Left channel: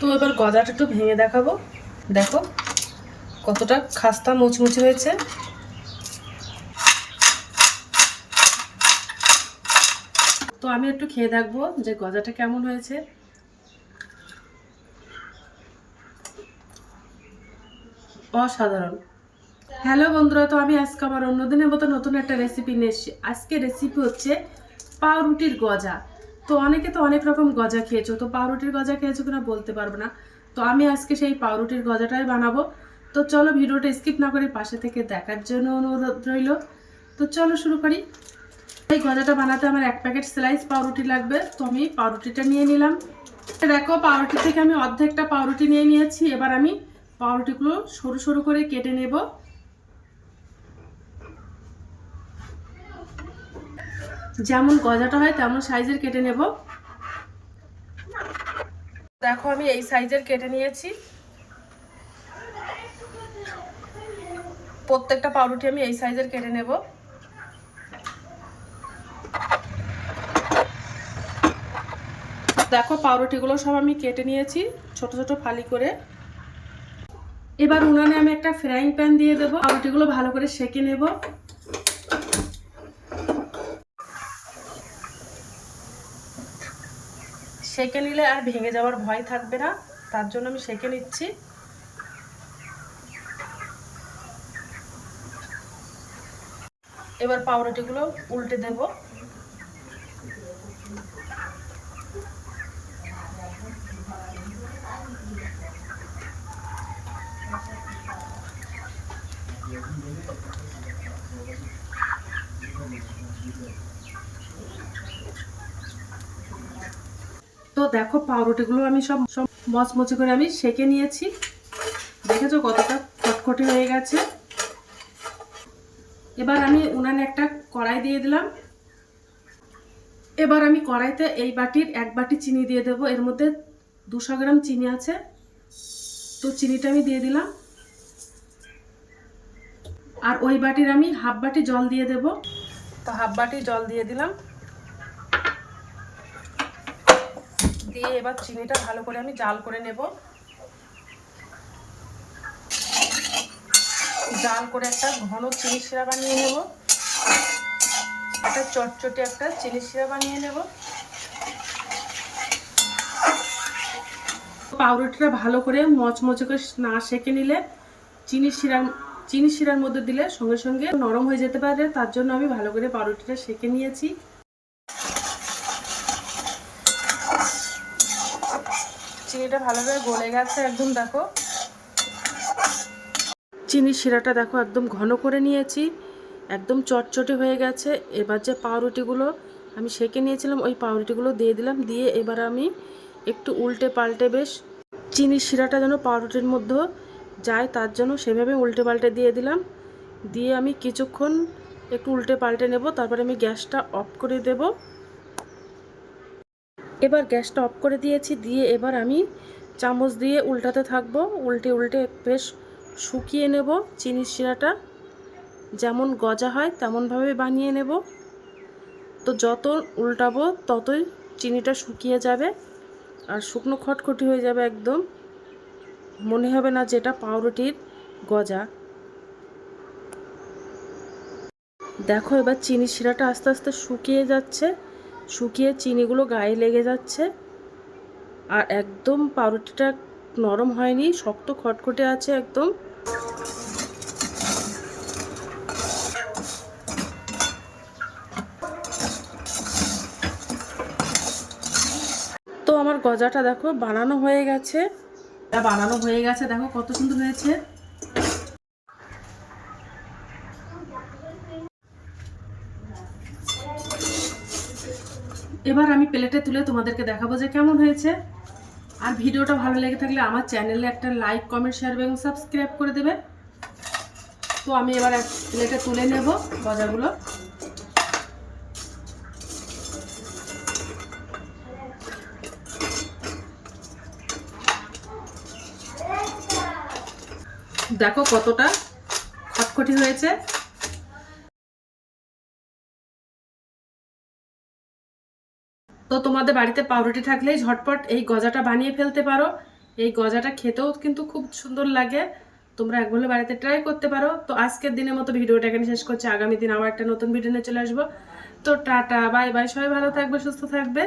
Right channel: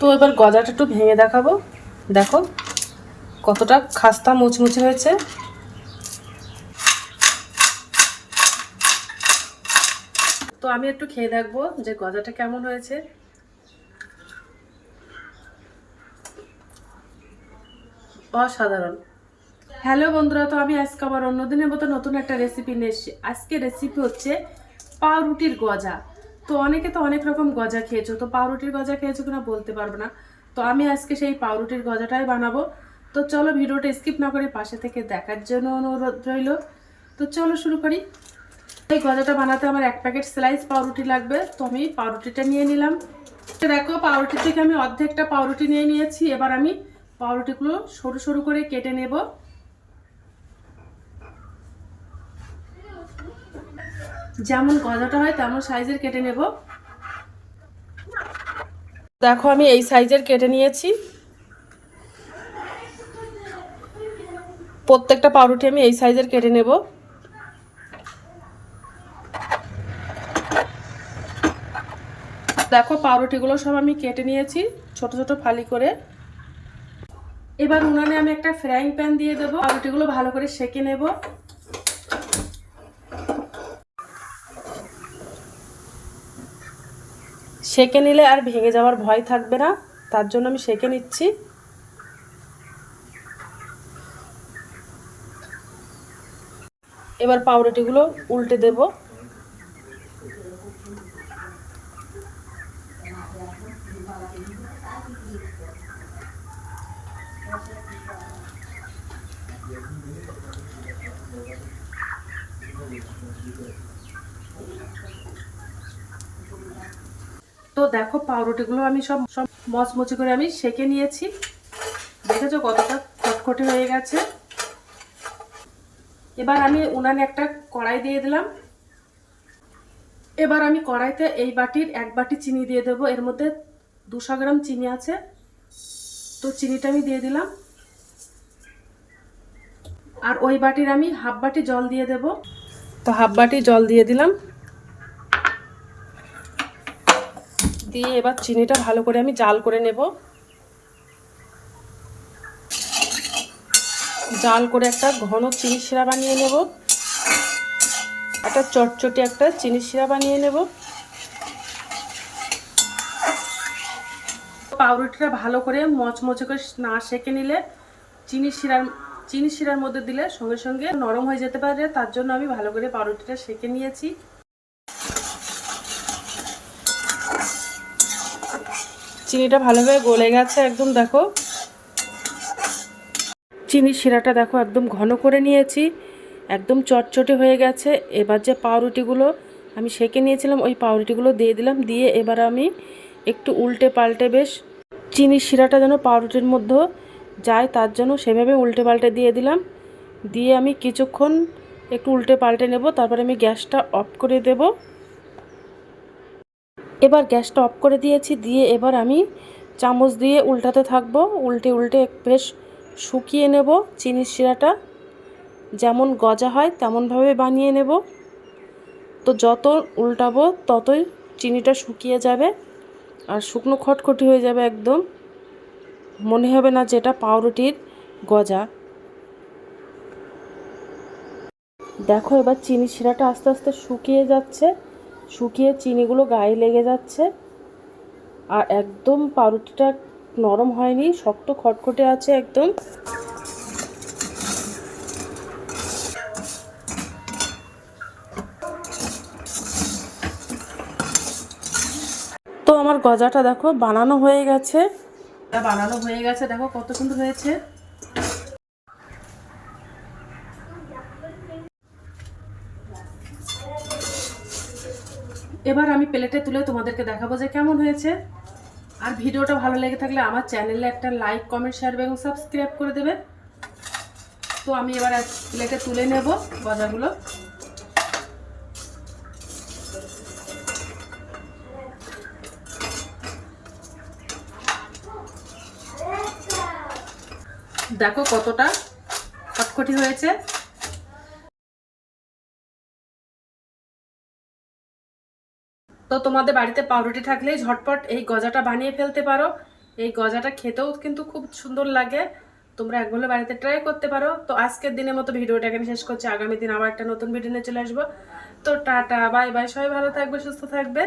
তো এবার গজাটা একটু ভেঙে দেখাবো। দেখো কতটা খাস্তা মুচমুচে হয়েছে। তো আমি একটু খেয়ে দেখবো যে গজাটা কেমন হয়েছে। অসাধারণ। হ্যালো বন্ধুরা, তো আমি আজকে আবার অন্যদিনের মতো নতুন একটা রেসিপি নিয়ে এসেছি। আজকে রেসিপি হচ্ছে পাউরুটির গজা। তো অনেকে তো অনেক রকম গজা খেয়েছো, তো পাউরুটির গজা খেয়েছো কিনা বলতে পারবো না। তো আমি আজকে সেই পাউরুটির গজাটাই বানাবো। তো চলো ভিডিওটা স্কিপ না করে পাশে থেকে দেখার জন্য অনুরোধ রইল। তো চলো শুরু করি। এই গজাটা বানাতে আমার 1 প্যাকেট স্লাইস পাউরুটি লাগবে। তো আমি পাউরুটিটা নিয়ে নিলাম। দেখো পাউরুটি থেকে আমি অর্ধেকটা পাউরুটি নিয়ে নিয়েছি। এবার আমি পাউরুটিগুলো সরু সরু করে কেটে নেব। যেমন গজাটা হয় তেমন সাইজের কেটে নেব। দেখো আমি এই সাইজের কেটে নিয়েছি। প্রত্যেকটা পাউরুটি আমি এই সাইজের কেটে নেব। দেখো পাউরুটিগুলো সব আমি কেটে নিয়েছি ছোট ছোট ফালি করে। এবার উনানে আমি একটা ফ্রাইং প্যান দিয়ে দেবো। পাউরুটিগুলো ভালো করে সেঁকে নেব। সেঁকে নিলে আর ভেঙে যাওয়ার ভয় থাকবে না, তার জন্য আমি সেঁকে নিচ্ছি। এবার পাউরুটিগুলো উল্টে দেব। তো দেখো পাউরুটিগুলো আমি সব সব মচমচে করে আমি সেঁকে নিয়েছি। দেখেছো কতটা খটখটে হয়ে গেছে। এবার আমি উনানে একটা কড়াই দিয়ে দিলাম। এবার আমি কড়াইতে এই বাটির 1 বাটি চিনি দিয়ে দেবো। এর মধ্যে 200 গ্রাম চিনি আছে। তো চিনিটা আমি দিয়ে দিলাম। আর ওই বাটির আমি হাফ বাটি জল দিয়ে দেব। তো হাফ বাটি জল দিয়ে দিলাম। দিয়ে এবার চিনিটা ভালো করে আমি জাল করে নেব। জাল করে একটা ঘন চিনি শিরা বানিয়ে নেব। একটা চটচটে একটা চিনি শিরা বানিয়ে নেব। পাউরুটিটা ভালো করে মচমচে করে না সেঁকে নিলে চিনি শিরার মধ্যে দিলে সঙ্গে সঙ্গে নরম হয়ে যেতে পারে। তার জন্য আমি ভালো করে পাউরুটিটা সেঁকে নিয়েছি। চিনিটা ভালোভাবে গলে গেছে একদম। দেখো চিনি শিরাটা দেখো একদম ঘন করে নিয়েছি, একদম চটচটে হয়ে গেছে। এবার যে পাউরুটিগুলো আমি সেঁকে নিয়েছিলাম ওই পাউরুটিগুলো দিয়ে দিলাম। দিয়ে এবার আমি একটু উল্টে পাল্টে বেশ চিনি শিরাটা যেন পাউরুটির মধ্যে যায় তার জন্য সেভাবে উল্টে পাল্টে দিয়ে দিলাম। দিয়ে আমি কিছুক্ষণ একটু উল্টে পাল্টে নেব। তারপরে আমি গ্যাসটা অফ করে দেব। এবার গ্যাসটা অফ করে দিয়েছি। দিয়ে এবার আমি চামচ দিয়ে উল্টাতে থাকবো। উল্টে উল্টে বেশ শুকিয়ে নেব। চিনির শিরাটা যেমন গজা হয় তেমনভাবে বানিয়ে নেব। তো যত উল্টাবো ততই চিনিটা শুকিয়ে যাবে আর শুকনো খটখটি হয়ে যাবে একদম। মনে হবে না যেটা পাউরুটির গজা। দেখো এবার চিনি শিরাটা আস্তে আস্তে শুকিয়ে যাচ্ছে। শুকিয়ে চিনিগুলো গায়ে লেগে যাচ্ছে। আর একদম পাউরুটিটা নরম হয়নি, শক্ত খটখটে আছে একদম। তো আমার গজাটা দেখো বানানো হয়ে গেছে। দেখো কত সুন্দর হয়েছে। এবার আমি প্লেটে তুলে তোমাদেরকে দেখাবো যে কেমন হয়েছে। আর ভিডিওটা ভালো লেগে থাকলে আমার চ্যানেলে একটা লাইক কমেন্ট শেয়ার এবং সাবস্ক্রাইব করে দেবে। তো আমি এবার প্লেটে তুলে নেব গজাগুলো। দেখো কতটা খটখটি হয়েছে। তো তোমাদের বাড়িতে পাউরুটি থাকলেই ঝটপট এই গজাটা বানিয়ে ফেলতে পারো। এই গজাটা খেতেও কিন্তু খুব সুন্দর লাগে। তোমরা একবার হলে বাড়িতে ট্রাই করতে পারো। তো আজকের দিনের মতো ভিডিওটা এখানে শেষ করছি। আগামী দিন আবার একটা নতুন ভিডিও নিয়ে চলে আসবো। তো টাটা, বাই বাই, সবাই ভালো থাকবে, সুস্থ থাকবে।